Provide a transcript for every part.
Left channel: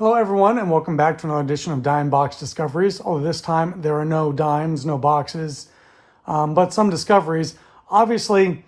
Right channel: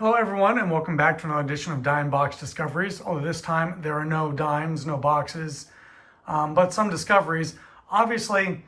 Hello everyone, and welcome back to another edition of Dime Box Discoveries. Although this time there are no dimes, no boxes, but some discoveries. Obviously,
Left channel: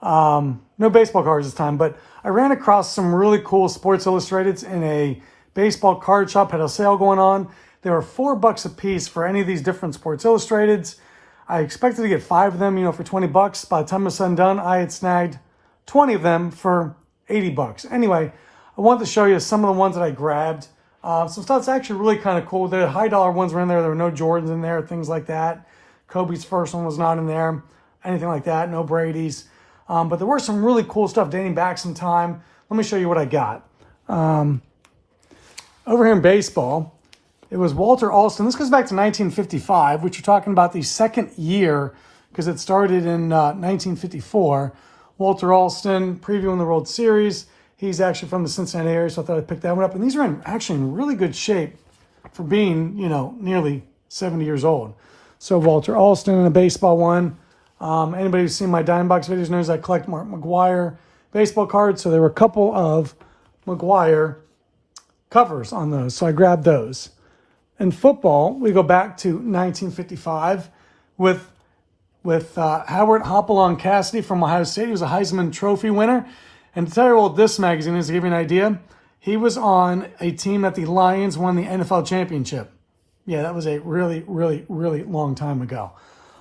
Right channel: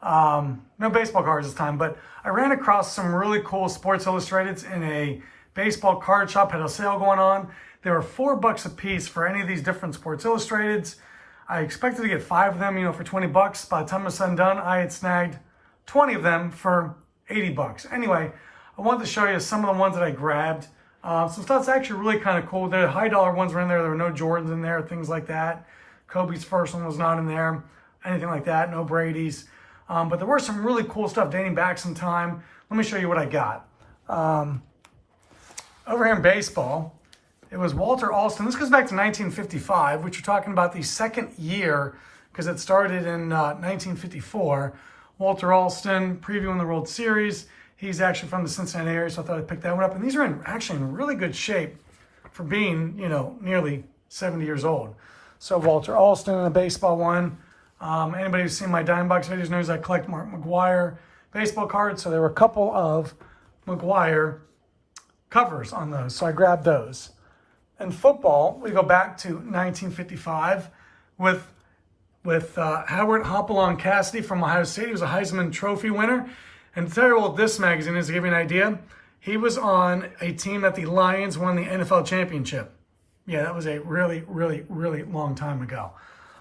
no baseball cards this time, but I ran across some really cool Sports Illustrateds in a baseball card shop, had a sale going on. They were $4 a piece for any of these different Sports Illustrateds. I expected to get 5 of them, for 20 bucks. By the time it was said and done, I had snagged 20 of them for 80 bucks. Anyway, I wanted to show you some of the ones that I grabbed. Some stuff's actually really kind of cool. The high dollar ones were in there. There were no Jordans in there, things like that. Kobe's first one was not in there, anything like that, no Brady's. But there were some really cool stuff dating back some time. Let me show you what I got. Over here in baseball, it was Walter Alston. This goes back to 1955, which you're talking about the second year because it started in 1954. Walter Alston previewing the World Series. He's actually from the Cincinnati area, so I thought I'd pick that one up. And these are actually in really good shape for being, nearly 70 years old. So Walter Alston in the baseball one. Anybody who's seen my Dime Box videos knows I collect Mark McGwire baseball cards. So there were a couple of McGwire covers on those. So I grabbed those. In football, we go back to 1955 with Howard Hopalong Cassidy from Ohio State. He was a Heisman Trophy winner. And to tell you what this magazine is, to give you an idea, he was on a team that the Lions won the NFL championship. Yeah, that was a really, really, really long time ago.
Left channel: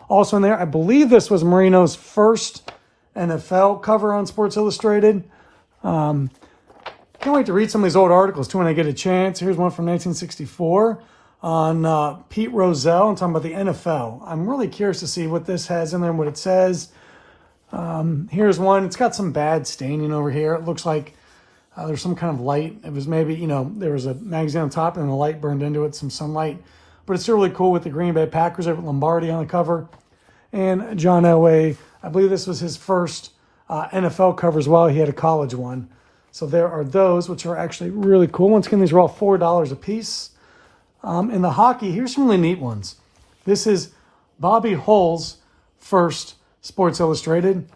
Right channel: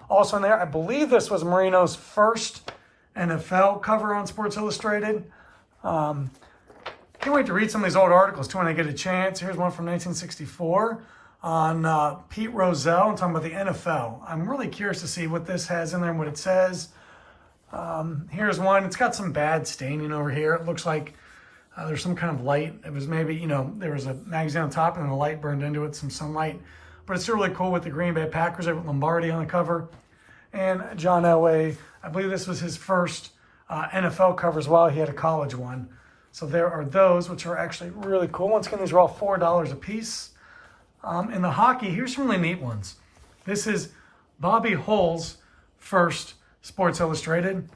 Also in there, I believe this was Marino's first NFL cover on Sports Illustrated. Can't wait to read some of these old articles too when I get a chance. Here's one from 1964 on Pete Rozelle. I'm talking about the NFL. I'm really curious to see what this has in there and what it says. Here's one. It's got some bad staining over here. It looks like there's some kind of light. It was maybe, there was a magazine on top and the light burned into it, some sunlight. But it's still really cool with the Green Bay Packers with Lombardi on the cover. And John Elway, I believe this was his first NFL cover as well. He had a college one. So there are those, which are actually really cool. Once again, these are all $4 a piece. In the hockey, here's some really neat ones. This is Bobby Hull's first Sports Illustrated.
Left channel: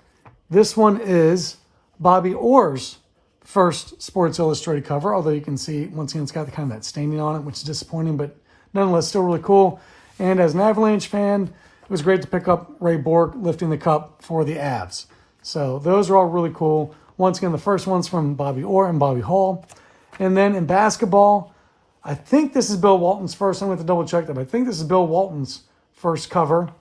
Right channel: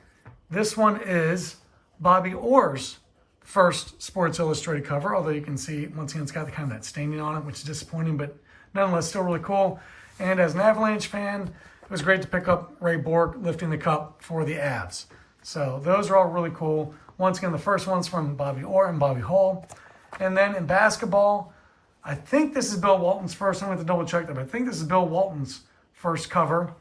This one is Bobby Orr's first Sports Illustrated cover, although you can see, once again, it's got kind of that staining on it, which is disappointing, but nonetheless, still really cool. And as an Avalanche fan, it was great to pick up Ray Bourque lifting the cup for the Avs. So those are all really cool. Once again, the first one's from Bobby Orr and Bobby Hull. And then in basketball, I think this is Bill Walton's first. I'm going to double check that, but I think this is Bill Walton's first cover.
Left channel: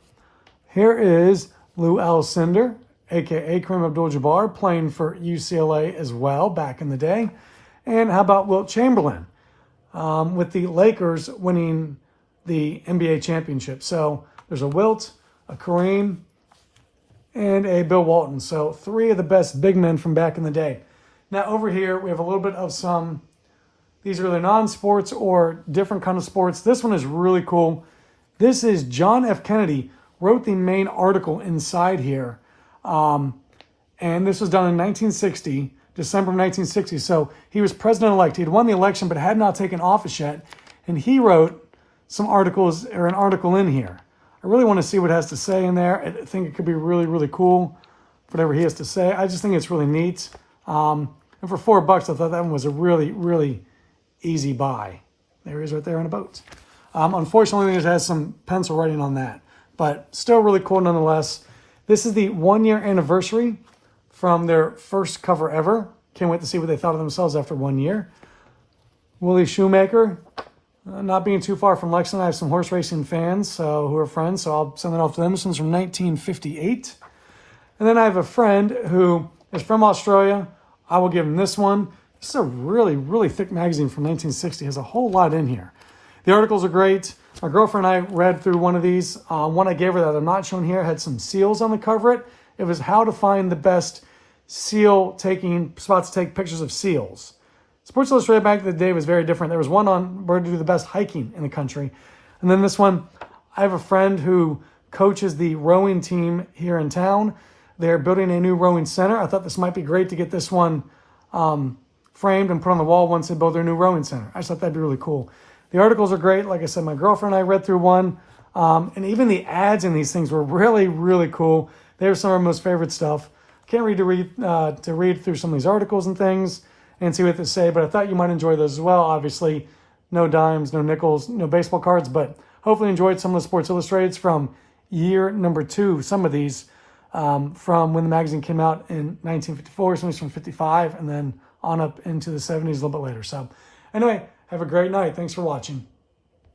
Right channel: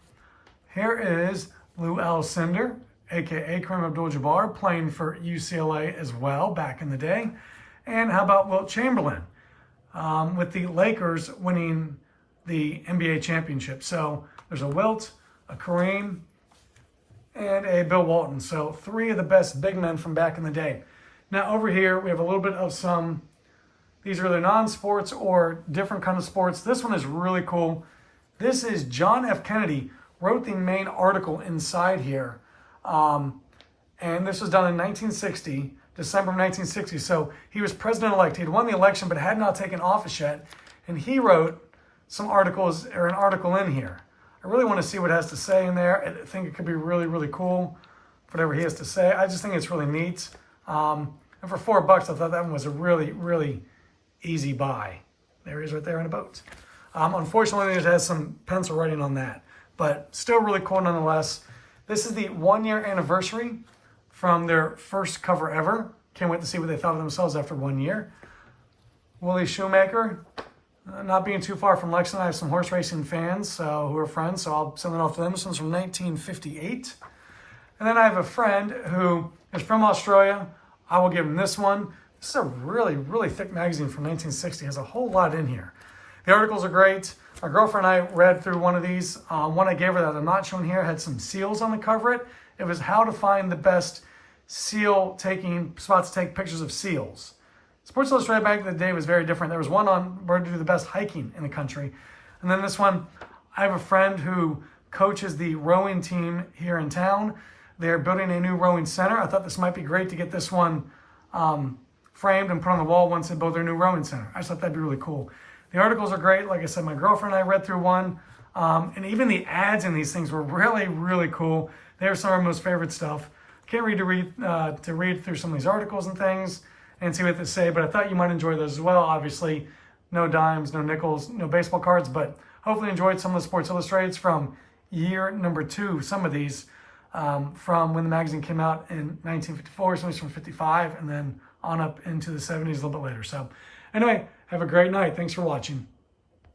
Here is Lou Alcindor, a.k.a. Kareem Abdul-Jabbar, playing for UCLA as well back in the day. And how about Wilt Chamberlain with the Lakers winning the NBA championship. So there's a Wilt, a Kareem, and a Bill Walton. So 3 of the best big men from back in the day. Now over here, we have a little bit of some, these are either non-sports or different kind of sports. This one is really cool. This is John F. Kennedy wrote the main article inside here. And this was done in 1960, December of 1960. So he was president-elect. He had won the election, but had not taken office yet. And he wrote some articles, or an article in here. I really want to see what it has to say in there. I think it could be really, really cool, whatever he has to say. I just think it's really neat. And for $4, I thought that one was a really, really easy buy. There he is right there in a boat. Unfortunately, it has some pencil writing on that, but still really cool nonetheless. This is the 1-year anniversary from their first cover ever. Can't wait to see what they thought of themselves after 1 year. Willie Shoemaker, not being too far from Lexington, I have some horse racing fans who are friends, so I'll send it off to them. This one's from 1958. And then I have a friend who is from Australia. I will give him this one. This is a really, really thick magazine from 1960. It has a whole lot in here. The articles are great. My girlfriend and I read through one of these. One I gave her that I'm not showing here had some seals on the cover. It was how to find the best seal taking spots to take pictures of seals. Sports Illustrated back in the day was very different. There was one on where to do the best hiking in the country. And then this one, I have a friend who coaches the rowing team here in town. They're building a new rowing center. I thought this might be great to get this one framed and put on the wall once they build their new rowing center. I just thought that'd be really cool. The articles are great. Like I said, my girlfriend and I read through one. And even the ads in these things were really, really cool. They were some of our most favorite stuff. Can't read to read through some of these articles and things. and see what they say. But I thought you might enjoy those as well. Obviously, no dimes, no nickels, no baseball cards, but hopefully enjoyed some of the Sports Illustrateds from year number 2. Some of these from when the magazine came out in 1954, some from 55, and then on up into the 70s a little bit later. So anyway, have a great night. Thanks for watching.